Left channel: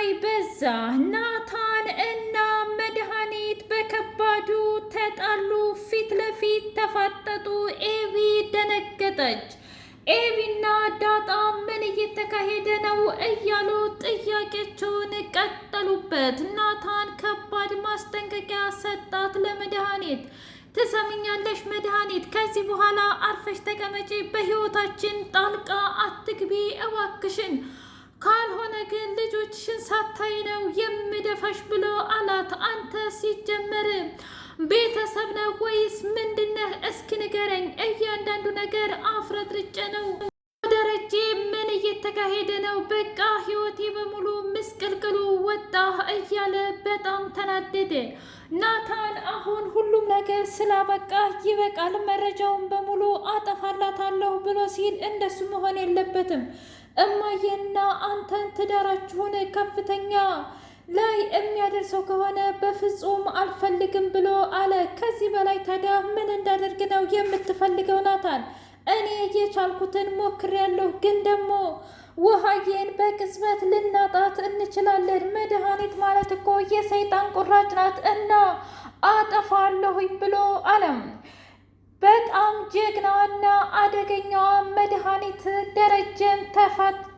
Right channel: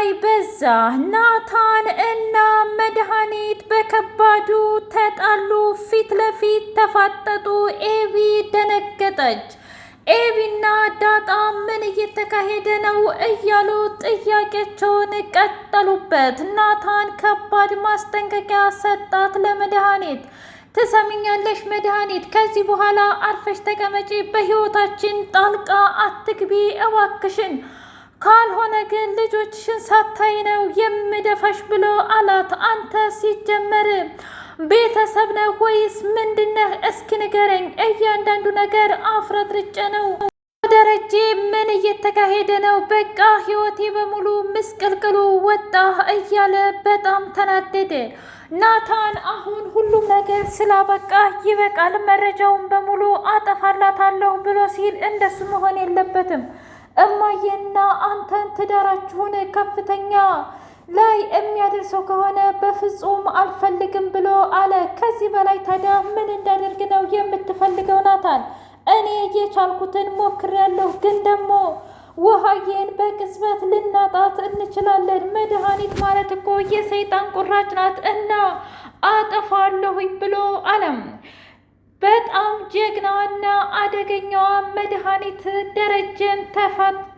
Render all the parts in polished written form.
ስቃይ በዛ። ናታን እና መድኃኒት በከባዱ ተጣሉ። ፊት ለፊት ተፋጠጡ። ኤቢ ደነገጠች። ኤቢና ዳጣ ምን እየተካሄደ ነው እያሉ ጥያቄያቸውን ቀጠሉበት። ናታን ከባድ ማስጠንቀቂያ ሰጣት ለመድኃኒት። ትሰሚኛለሽ መድኃኒት፣ ከዚህ በኋላ አርፈሽ ተቀመጪ፣ በህይወታችን ጣልቃ አትግቢ እባክሽን፣ ካልሆነ ግን ልጆችሽን ሳታይ ነው የምደፋሽ ብሎ አላት። አንተ ሲጀመር ቤተሰብ ነህ ወይስ ምንድነህ? እስኪ ንገረኝ። እያንዳንዱ ነገር አፍረጥርጬ ነው። ደረጀ ምን እየተካሄደ ነው? በቃ ህይወቴ በሙሉ ምስቅልቅሉ ወጣ እያለ በጣም ተናደደ። ናታን አሁን ሁሉም ነገር ስላበቃ ይበቃል፣ መረጃውን በሙሉ አጠፋላታለሁ ብሎ ሲል እንደሱ መሆን የለበትም። እማዬና አንተን ትዳራችሁን ከፍተኛ ላይ የሚያደርሰው ከሆነ በፍጹም አልፈልግም ብሎ አለ። ከዚህ በላይ ታዲያ ምን እንዳደርግ ነው የምትፈልገው ናታን? እኔ የቻልኩትን ሞክሬያለሁ፣ ግን ደግሞ ውሃዬን በቅጽበት ልናጣት እንችላለን። መድኃኒት ማለት እኮ የሰይጣን ቁራጭ ናት እና አጠፋለሁኝ ብሎ አለም። በጣም ጀግናዋና አደገኛዋ መድኃኒት ደረጀን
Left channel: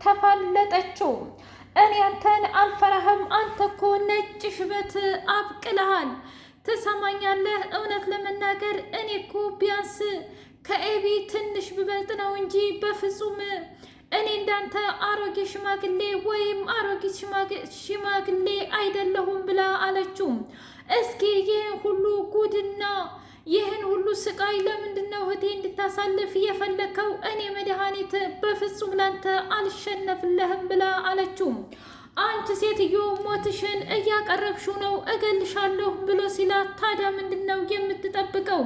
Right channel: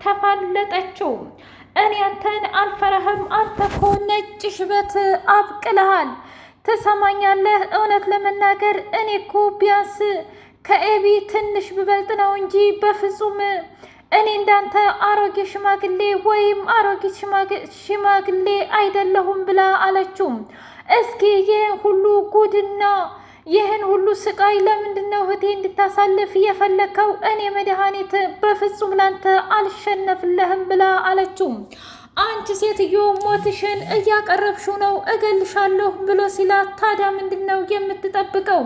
ተፋለጠችው። እኔ አንተን አልፈራህም፣ አንተ እኮ ነጭ ሽበት አብቅልሃል። ትሰማኛለህ? እውነት ለመናገር እኔ እኮ ቢያንስ ከኤቢ ትንሽ ብበልጥ ነው እንጂ በፍጹም እኔ እንዳንተ አሮጌ ሽማግሌ ወይም አሮጊት ሽማግሌ አይደለሁም ብላ አለችው። እስኪ ይህን ሁሉ ጉድና ይህን ሁሉ ስቃይ ለምንድን ነው እህቴ እንድታሳልፍ የፈለከው? እኔ መድኃኒት በፍጹም ላንተ አልሸነፍለህም ብላ አለችው። አንቺ ሴትዮ ሞትሽን እያቀረብሽው ነው፣ እገልሻለሁ ብሎ ሲላት፣ ታዲያ ምንድን ነው የምትጠብቀው?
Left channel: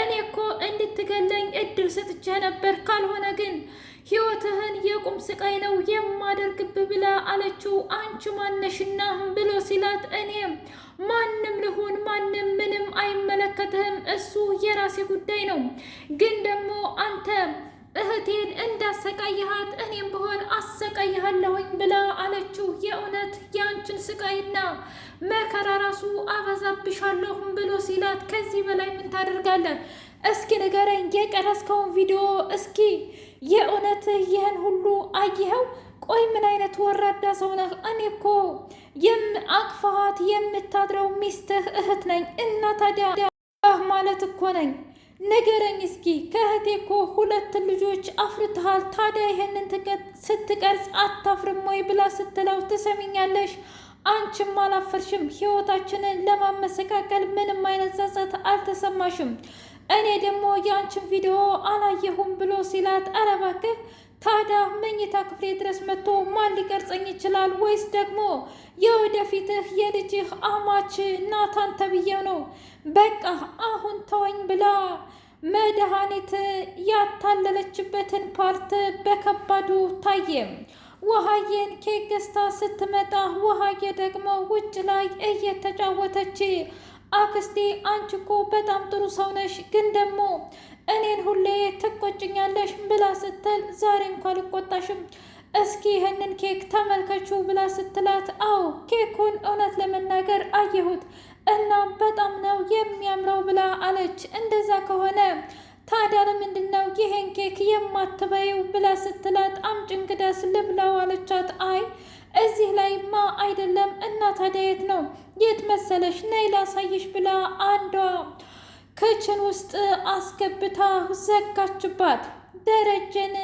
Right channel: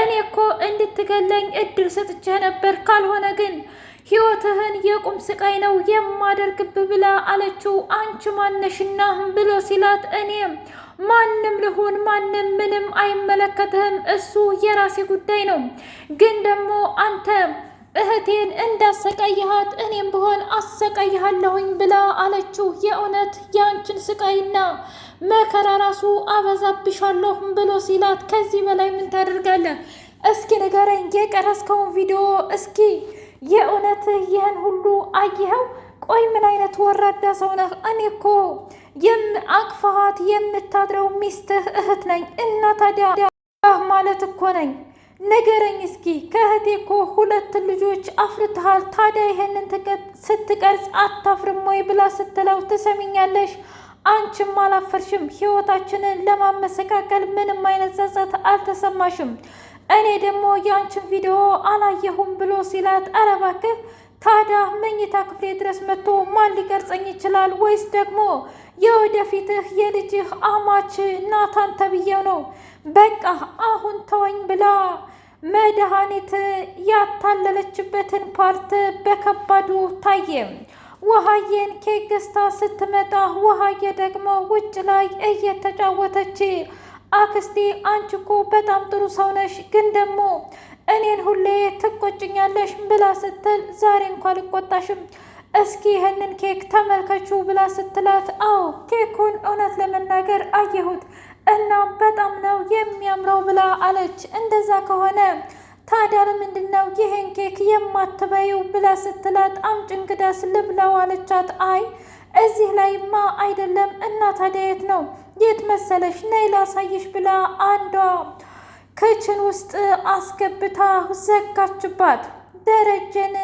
እኔ እኮ እንድትገለኝ እድል ሰጥቼ ነበር፣ ካልሆነ ግን ህይወትህን የቁም ስቃይ ነው የማደርግብህ ብላ አለችው። አንቺ ማነሽና ብሎ ሲላት፣ እኔ ማንም ልሁን ማንም ምንም አይመለከትህም፣ እሱ የራሴ ጉዳይ ነው። ግን ደግሞ አንተ እህቴን እንዳሰቃይሃት እኔም ብሆን አሰቃይሃለሁኝ ብላ አለችው። የእውነት የአንችን ስቃይና መከራ ራሱ አበዛብሻለሁ ብሎ ሲላት፣ ከዚህ በላይ ምን ታደርጋለህ? እስኪ ንገረኝ፣ የቀረስከውን ቪዲዮ እስኪ የእውነት ይህን ሁሉ አየኸው? ቆይ ምን አይነት ወራዳ ሰው ነህ? እኔ እኮ አቅፋሃት የምታድረው ሚስትህ እህት ነኝ እና ታዲያ ማለት እኮ ነኝ። ንገረኝ እስኪ፣ ከእህቴ እኮ 2 ልጆች አፍርተሃል። ታዲያ ይሄንን ስትቀርጽ አታፍርም ወይ ብላ ስትለው፣ ትሰሚኛለሽ፣ አንቺም አላፈርሽም። ህይወታችንን ለማመሰቃቀል ምንም አይነት ጸጸት አልተሰማሽም። እኔ ደግሞ የአንቺን ቪዲዮ አላየሁም ብሎ ሲላት፣ ኧረ እባክህ ታዲያ መኝታ ክፍሌ ድረስ መጥቶ ማን ሊቀርጸኝ ይችላል? ወይስ ደግሞ የወደፊትህ የልጅህ አማች ናታን ተብዬው ነው? በቃ አሁን ተወኝ ብላ መድኃኒት ያታለለችበትን ፓርት በከባዱ ታየ። ውሃዬን ኬክ ገዝታ ስትመጣ ውሃዬ ደግሞ ውጭ ላይ እየተጫወተች፣ አክስቴ አንቺ እኮ በጣም ጥሩ ሰው ነሽ፣ ግን ደግሞ እኔን ሁሌ ትቆጭኛለሽ ብላ ስትል፣ ዛሬ እንኳ አልቆጣሽም፣ እስኪ ይህንን ኬክ ተመልከቹ ብላ ስትላት፣ አዎ ኬኩን እውነት ለመናገር አየሁት እና በጣም ነው የሚያምረው ብላ አለች። እንደዛ ከሆነ ታዲያ ለምንድን ነው ይሄን ኬክ የማትበይው ብላ ስትላት፣ አምጪ እንግዳስ ልብላው አለቻት። አይ እዚህ ላይማ አይደለም እና ታዲያ የት ነው? የት መሰለሽ? ነይ ላሳይሽ ብላ አንዷ ክችን ውስጥ አስገብታ ዘጋችባት። ደረጀን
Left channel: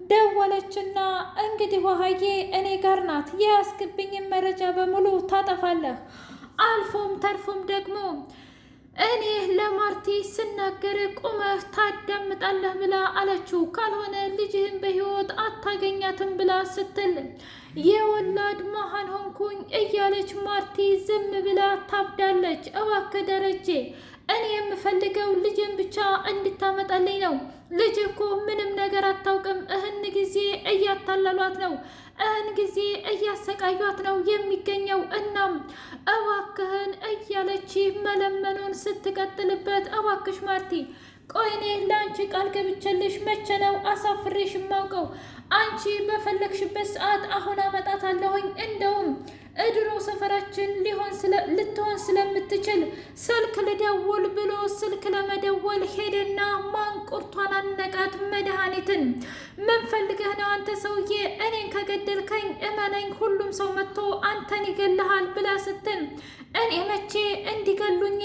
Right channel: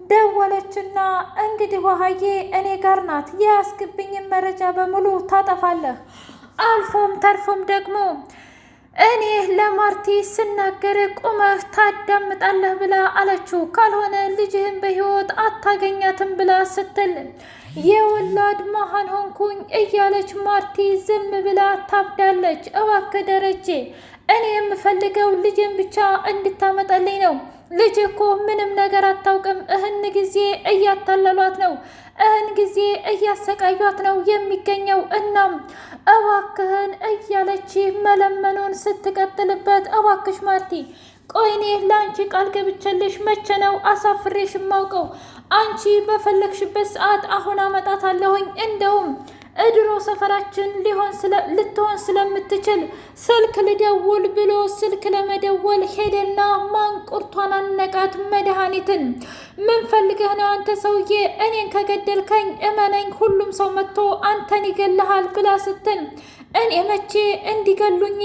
ደወለችና እንግዲህ ውሃዬ እኔ ጋር ናት፣ የያዝክብኝን መረጃ በሙሉ ታጠፋለህ፣ አልፎም ተርፎም ደግሞ እኔ ለማርቲ ስናገር ቁመህ ታዳምጣለህ ብላ አለችው። ካልሆነ ልጅህን በህይወት አታገኛትም ብላ ስትል የወላድ መሀን ሆንኩኝ እያለች ማርቲ ዝም ብላ ታብዳለች። እባክህ ደረጀ፣ እኔ የምፈልገው ልጅን ብቻ እንድታመጣልኝ ነው። ልጅ እኮ ምንም ነገር አታውቅም። እህን ጊዜ እያታለሏት ነው፣ እህን ጊዜ እያሰቃዩት ነው የሚገኘው። እናም እባክህን እያለች መለመኑን ስትቀጥልበት፣ እባክሽ ማርቲ፣ ቆይ እኔ ለአንቺ ቃል ገብቼልሽ መቼ ነው አሳፍሬሽ የማውቀው? አንቺ በፈለግሽበት ሰዓት አሁን አመጣታለሁኝ። እንደውም እድሮ ሰፈራችን ልትሆን ስለምትችል ስልክ ልደውል ብሎ ስልክ ለመደወል ሄደና ማንቁርቷን አነቃት መድኃኒትን። ምን ፈልገህ ነው አንተ ሰውዬ? እኔን ከገደልከኝ እመነኝ ሁሉም ሰው መጥቶ አንተን ይገልሃል ብላ ስትል እኔ መቼ እንዲገሉኝ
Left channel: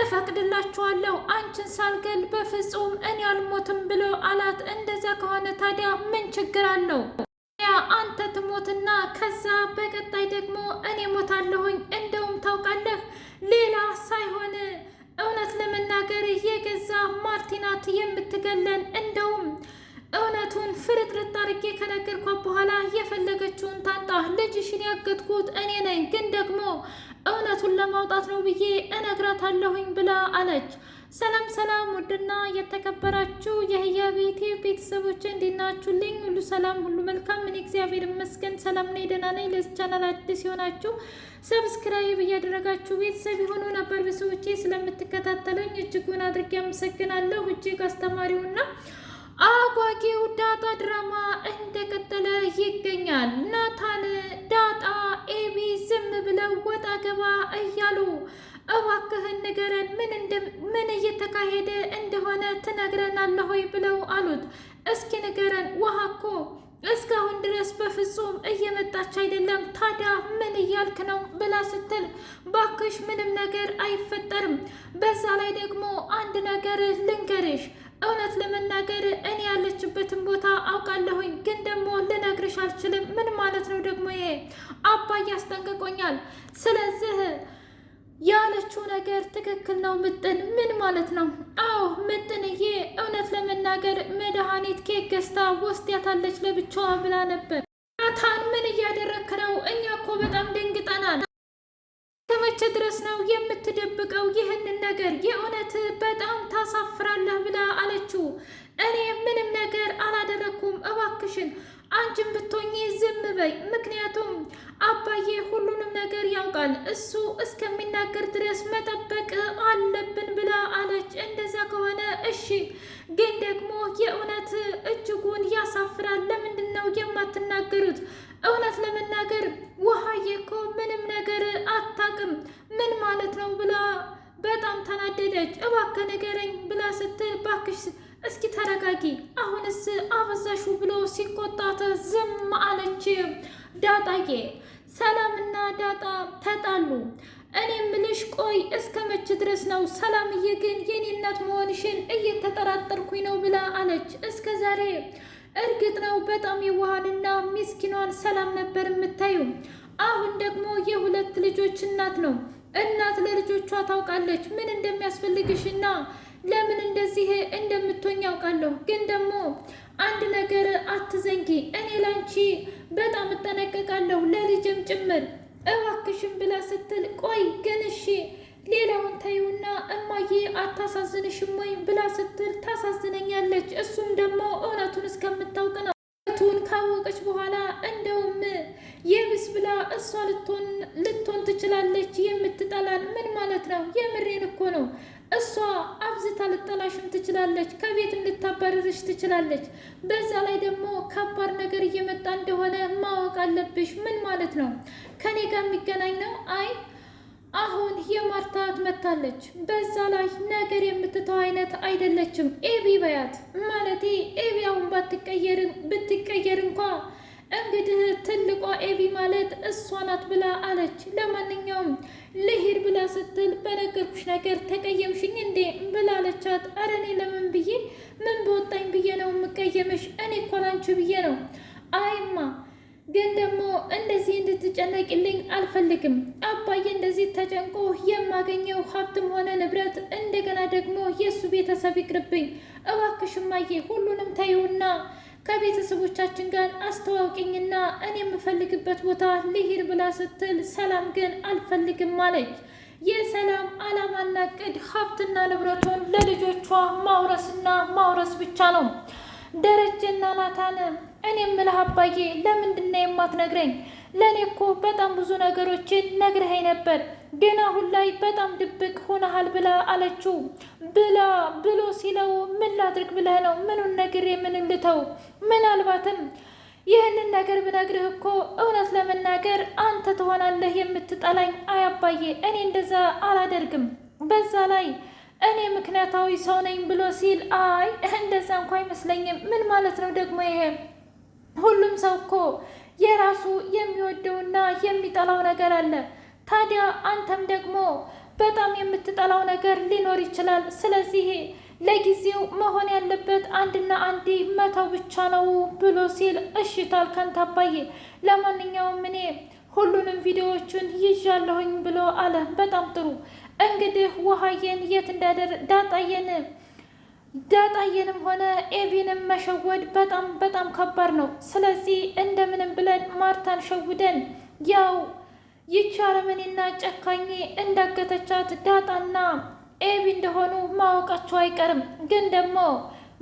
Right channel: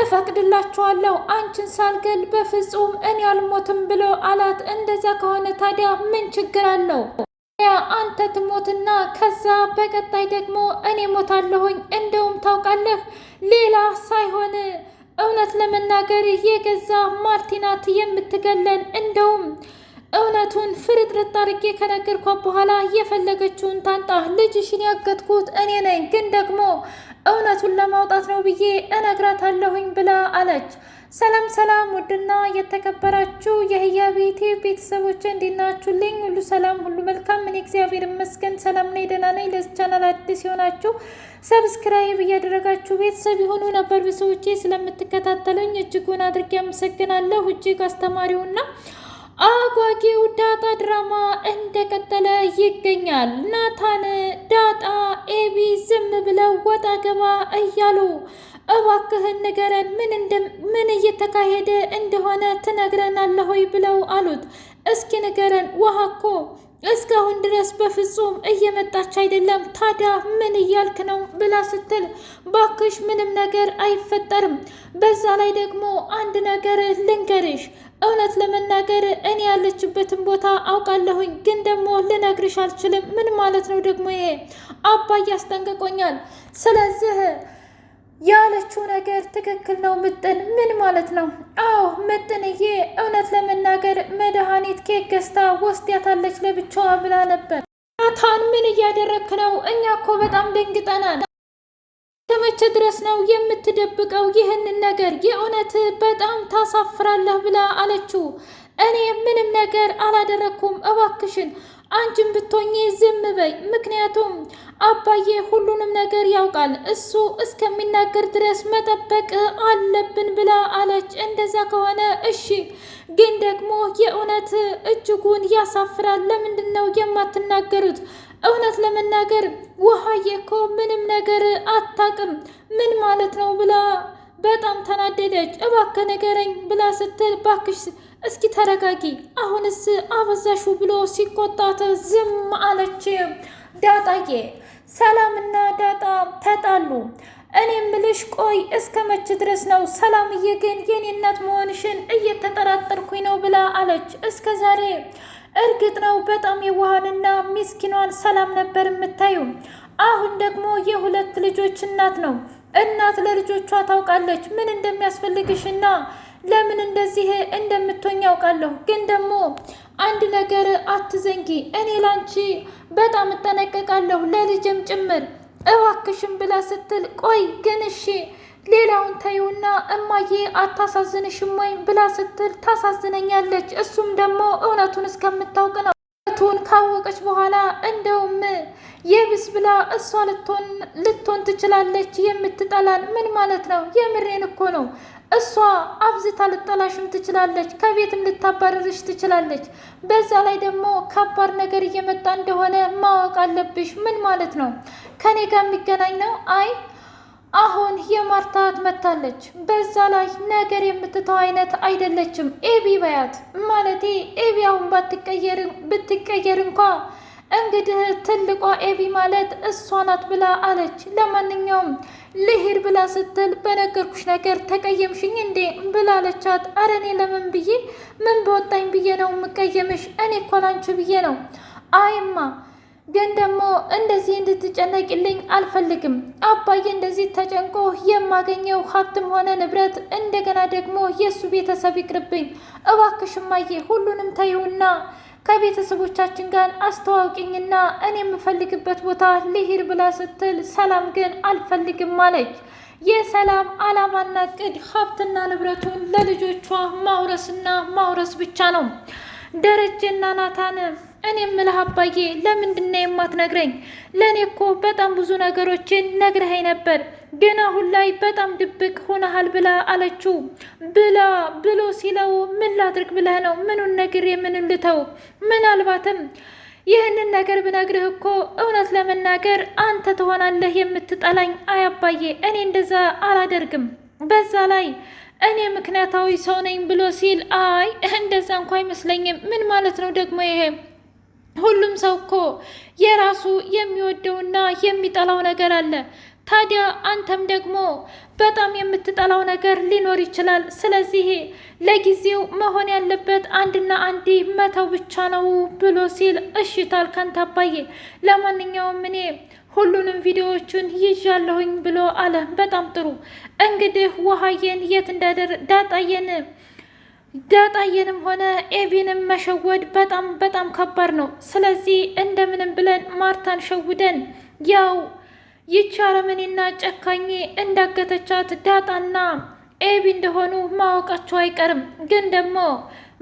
እፈቅድላችኋለሁ? አንቺን ሳልገል በፍጹም እኔ አልሞትም ብሎ አላት። እንደዛ ከሆነ ታዲያ ምን ችግር አለው? አንተ ትሞትና ከዛ በቀጣይ ደግሞ እኔ ሞታለሁኝ። እንደውም ታውቃለህ ሌላ ሳይሆን እውነት ለመናገር የገዛ ማርቲናት የምትገለን። እንደውም እውነቱን ፍርጥርጥ አድርጌ ከነገርኳት በኋላ የፈለገችውን ታንጣ። ልጅሽን ያገትኩት እኔ ነኝ፣ ግን ደግሞ እውነቱን ለማውጣት ነው ብዬ እነግራታለሁኝ ብላ አለች። ሰላም ሰላም! ውድና የተከበራችሁ የህያ ቤቴ ቤተሰቦች እንዴት ናችሁልኝ? ሁሉ ሰላም፣ ሁሉ መልካም። እኔ እግዚአብሔር ይመስገን ሰላም ነኝ፣ ደህና ነኝ። ለዚህ ቻናል አዲስ የሆናችሁ ሰብስክራይብ እያደረጋችሁ ቤተሰብ የሆኑ ነበር ቤተሰቦቼ ስለምትከታተሉኝ እጅጉን አድርጌ አመሰግናለሁ። እጅግ አስተማሪውና አጓጊው ዳጣ ድራማ እንደቀጠለ ይገኛል። ናታን፣ ዳጣ፣ ኤቢ ዝም ብለው ወጣ ገባ እያሉ እባክህን ንገረን ምን እየተካሄደ እንደሆነ ትነግረናለህ ሆይ ብለው አሉት። እስኪ ንገረን፣ ውሃ እኮ እስካሁን ድረስ በፍጹም እየመጣች አይደለም። ታዲያ ምን እያልክ ነው ብላ ስትል ባክሽ ምንም ነገር አይፈጠርም። በዛ ላይ ደግሞ አንድ ነገር ልንገርሽ፣ እውነት ለመናገር እኔ ያለችበትን ቦታ አውቃለሁኝ፣ ግን ደግሞ ልነግርሽ አልችልም። ምን ማለት ነው ደግሞ ይሄ? አባዬ አስጠንቅቆኛል። ስለዚህ ያለችው ነገር ትክክል ነው። ምጥን ምን ማለት ነው? አዎ ምጥንዬ፣ እውነት ለመናገር መድኃኒት ኬክ ገዝታ ወስዳታለች ለብቻዋ ብላ ነበር። ናታን ምን እያደረክ ነው? እኛ እኮ በጣም ደንግጠናል። ከመቼ ድረስ ነው የምትደብቀው ይህንን ነገር? የእውነት በጣም ታሳፍራለህ ብላ አለችው። እኔ ምንም ነገር አላደረኩም፣ እባክሽን አንቺን ብትሆኚ ዝም በይ። ምክንያቱም አባዬ ሁሉንም ነገር ያውቃል፣ እሱ እስከሚናገር ድረስ መጠበቅ አለብን ብላ አለች። እንደዛ ከሆነ እሺ፣ ግን ደግሞ የእውነት እጅጉን ያሳፍራል። ለምንድን ነው የማትናገሩት? እውነት ለመናገር ውሃዬ እኮ ምንም ነገር አታውቅም። ምን ማለት ነው ብላ በጣም ተናደደች። እባክህ ንገረኝ ብላ ስትል ባክሽ እስኪ ተረጋጊ፣ አሁንስ አበዛሹ ብሎ ሲቆጣት ዝም አለች። ዳጣዬ፣ ሰላምና ዳጣ ተጣሉ። እኔ ምልሽ ቆይ እስከ መቼ ድረስ ነው? ሰላምዬ ግን የኔ እናት መሆንሽን እየተጠራጠርኩኝ ነው ብላ አለች። እስከ ዛሬ እርግጥ ነው በጣም የዋሃንና ሚስኪኗን ሰላም ነበር የምታዩ። አሁን ደግሞ የሁለት ልጆች እናት ነው። እናት ለልጆቿ ታውቃለች ምን እንደሚያስፈልግሽና ለምን እንደዚህ እንደምትሆኝ ያውቃለሁ። ግን ደግሞ አንድ ነገር አትዘንጊ፣ እኔ ላንቺ በጣም እጠነቀቃለሁ ለልጅም ጭምር እባክሽም ብላ ስትል ቆይ ግን እሺ ሌላውን ተይውና እማዬ አታሳዝንሽም ወይ ብላ ስትል ታሳዝነኛለች። እሱም ደግሞ እውነቱን እስከምታውቅ ነው። እውነቱን ካወቀች በኋላ እንደውም የብስ ብላ እሷ ልትሆን ትችላለች የምትጠላን። ምን ማለት ነው? የምሬን እኮ ነው። እሷ አብዝታ ልጠላሽም ትችላለች፣ ከቤትም ልታባረርሽ ትችላለች። በዛ ላይ ደግሞ ከባድ ነገር እየመጣ እንደሆነ ማወቅ አለብሽ። ምን ማለት ነው? ከኔ ጋር የሚገናኝ ነው? አይ አሁን የማርታ መታለች። በዛ ላይ ነገር የምትተው አይነት አይደለችም። ኤቢ በያት ማለቴ ኤቢ አሁን ብትቀየር እንኳ እንግዲህ ትልቋ ኤቢ ማለት እሷ ናት ብላ አለች። ለማንኛውም ልሂድ ብላ ስትል በነገርኩሽ ነገር ተቀየምሽኝ እንዴ ብላለቻት። አረ እኔ ለምን ብዬ ምን በወጣኝ ብዬ ነው የምቀየምሽ? እኔ እኮ ላንቺ ብዬ ነው። አይማ ግን ደግሞ እንደዚህ እንድትጨነቂልኝ አልፈልግም። አባዬ እንደዚህ ተጨንቆ የማገኘው ሀብትም ሆነ ንብረት እንደገና ደግሞ የእሱ ቤተሰብ ይቅርብኝ። እባክሽማዬ ሁሉንም ተይውና ከቤተሰቦቻችን ጋር አስተዋውቂኝና እኔ የምፈልግበት ቦታ ልሂድ ብላ ስትል ሰላም ግን አልፈልግም አለች። የሰላም አላማና እቅድ ሀብትና ንብረቱን ለልጆቿ ማውረስና ማውረስ ብቻ ነው። ደረጀና ናታን እኔ የምልህ አባዬ ለምንድን ነው የማትነግረኝ? ለእኔ እኮ በጣም ብዙ ነገሮችን ነግረኸኝ ነበር፣ ግን አሁን ላይ በጣም ድብቅ ሆነሃል ብላ አለችው። ብሎ ሲለው ምን ላድርግ ብለህ ነው? ምኑን ነግሬ ምን ልተው? ምናልባትም ይህንን ነገር ብነግርህ እኮ እውነት ለመናገር አንተ ትሆናለህ የምትጠላኝ። አያባዬ እኔ እንደዛ አላደርግም። በዛ ላይ እኔ ምክንያታዊ ሰው ነኝ ብሎ ሲል አይ እንደዛ እንኳ አይመስለኝም። ምን ማለት ነው ደግሞ ይሄ? ሁሉም ሰው እኮ የራሱ የሚወደውና የሚጠላው ነገር አለ። ታዲያ አንተም ደግሞ በጣም የምትጠላው ነገር ሊኖር ይችላል። ስለዚህ ለጊዜው መሆን ያለበት አንድና አንድ መተው ብቻ ነው ብሎ ሲል እሺ ታልካንተ አባዬ፣ ለማንኛውም እኔ ሁሉንም ቪዲዮዎቹን ይዣለሁኝ ብሎ አለ። በጣም ጥሩ እንግዲህ ውሃዬን የት ዳጣየንም ሆነ ኤቪንም መሸወድ በጣም ከባድ ነው። ስለዚህ እንደምንም ብለን ማርታን ሸውደን ያው ይቺ አረመኔና ጨካኝ እንዳገተቻት ዳጣና ኤቢ እንደሆኑ ማወቃቸው አይቀርም። ግን ደግሞ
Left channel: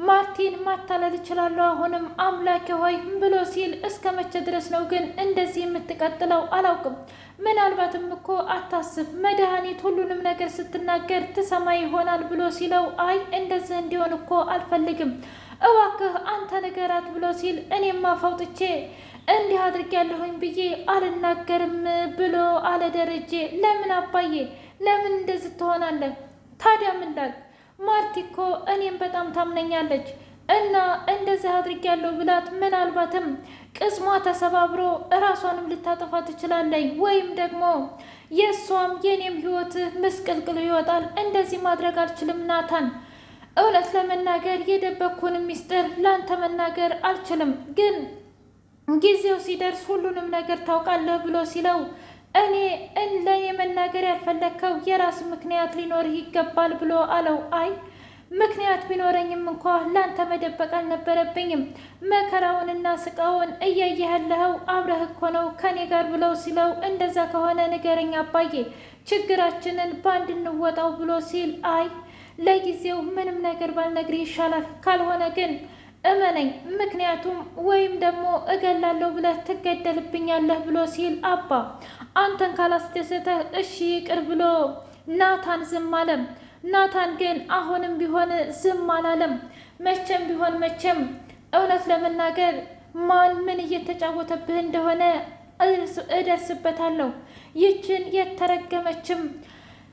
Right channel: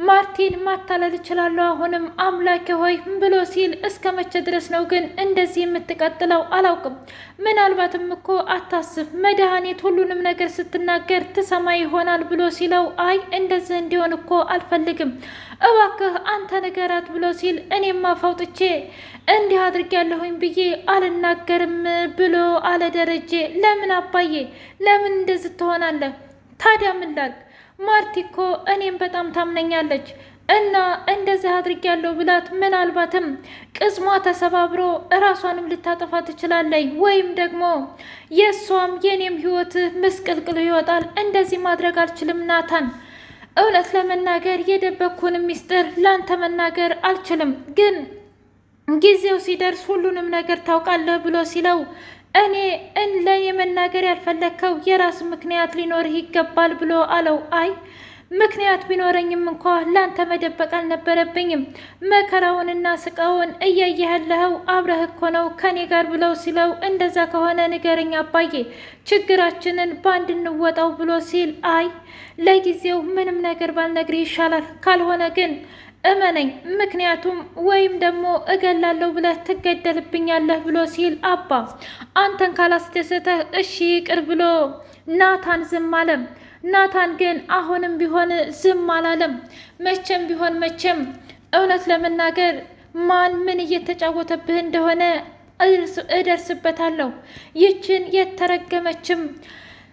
ማርቲን ማታለል እችላለሁ አሁንም አምላኬ ሆይ ብሎ ሲል እስከ መቼ ድረስ ነው ግን እንደዚህ የምትቀጥለው? አላውቅም። ምናልባትም እኮ አታስብ፣ መድኃኒት ሁሉንም ነገር ስትናገር ትሰማ ይሆናል ብሎ ሲለው አይ እንደዚህ እንዲሆን እኮ አልፈልግም፣ እባክህ አንተ ንገራት ብሎ ሲል እኔማ ፈውጥቼ እንዲህ አድርጌያለሁኝ ብዬ አልናገርም ብሎ አለ ደረጀ። ለምን አባዬ ለምን እንደዚህ ትሆናለህ? ታዲያ ምን ላድርግ? ማርቲ እኮ እኔም በጣም ታምነኛለች እና እንደዚህ አድርጌያለሁ ብላት ምናልባትም ቅስሟ ተሰባብሮ እራሷንም ልታጠፋ ትችላለች፣ ወይም ደግሞ የእሷም የኔም ህይወት ምስቅልቅል ይወጣል። እንደዚህ ማድረግ አልችልም ናታን። እውነት ለመናገር የደበኩን ሚስጥር ላንተ መናገር አልችልም፣ ግን ጊዜው ሲደርስ ሁሉንም ነገር ታውቃለህ ብሎ ሲለው እኔ ለኔ መናገር ያልፈለግከው የራስ ምክንያት ሊኖርህ ይገባል ብሎ አለው። አይ ምክንያት ቢኖረኝም እንኳ ላንተ መደበቅ አልነበረብኝም። መከራውንና ስቃውን እያየህ ያለኸው አብረህ እኮ ነው ከኔ ጋር ብለው ሲለው እንደዛ ከሆነ ንገረኝ አባዬ፣ ችግራችንን በአንድ እንወጣው ብሎ ሲል አይ ለጊዜው ምንም ነገር ባልነግርህ ይሻላል፣ ካልሆነ ግን እመነኝ፣ ምክንያቱም ወይም ደግሞ እገላለሁ ብለህ ትገደልብኛለህ ብሎ ሲል አባ አንተን ካላስደሰተህ እሺ ይቅር ብሎ ናታን ዝም አለም። ናታን ግን አሁንም ቢሆን ዝም አላለም። መቼም ቢሆን መቼም እውነት ለመናገር ማን ምን እየተጫወተብህ እንደሆነ እደርስበታለሁ። ይችን የተረገመችም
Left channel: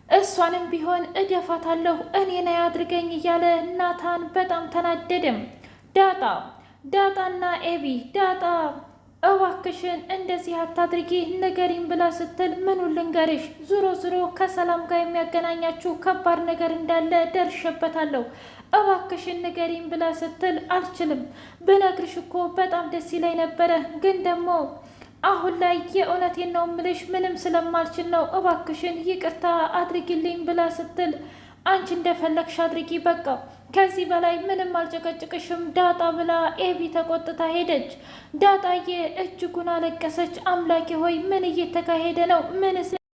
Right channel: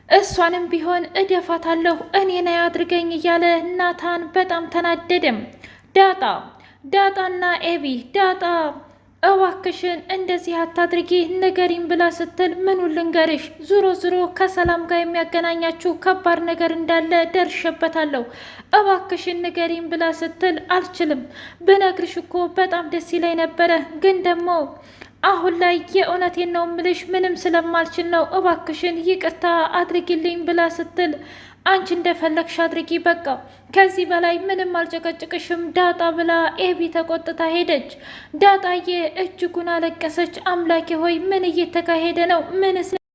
እሷንም ቢሆን እደፋታለሁ፣ እኔን አያድርገኝ እያለ ናታን በጣም ተናደደም። ዳጣና ኤቢ ዳጣ እባክሽን እንደዚህ አታድርጊ ንገሪኝ ብላ ስትል ምኑን ልንገርሽ? ዙሮ ከሰላም ጋር የሚያገናኛችሁ ከባድ ነገር እንዳለ ደርሼበታለሁ። እባክሽን ንገሪኝ ብላ ስትል አልችልም፣ ብነግርሽ እኮ በጣም ደስ ይለኝ ነበረ፣ ግን ደግሞ አሁን ላይ የእውነቴን ነው ምልሽ ምንም ስለማልችል ነው፣ እባክሽን ይቅርታ አድርጊልኝ ብላ ስትል አንቺ እንደፈለግሽ አድርጊ፣ በቃ ከዚህ በላይ ምንም አልጨቀጭቅሽም ዳጣ ብላ ኤቢ ተቆጥታ ሄደች። ዳጣዬ እጅጉን አለቀሰች። አምላኬ ሆይ ምን እየተካሄደ ነው? ምንስ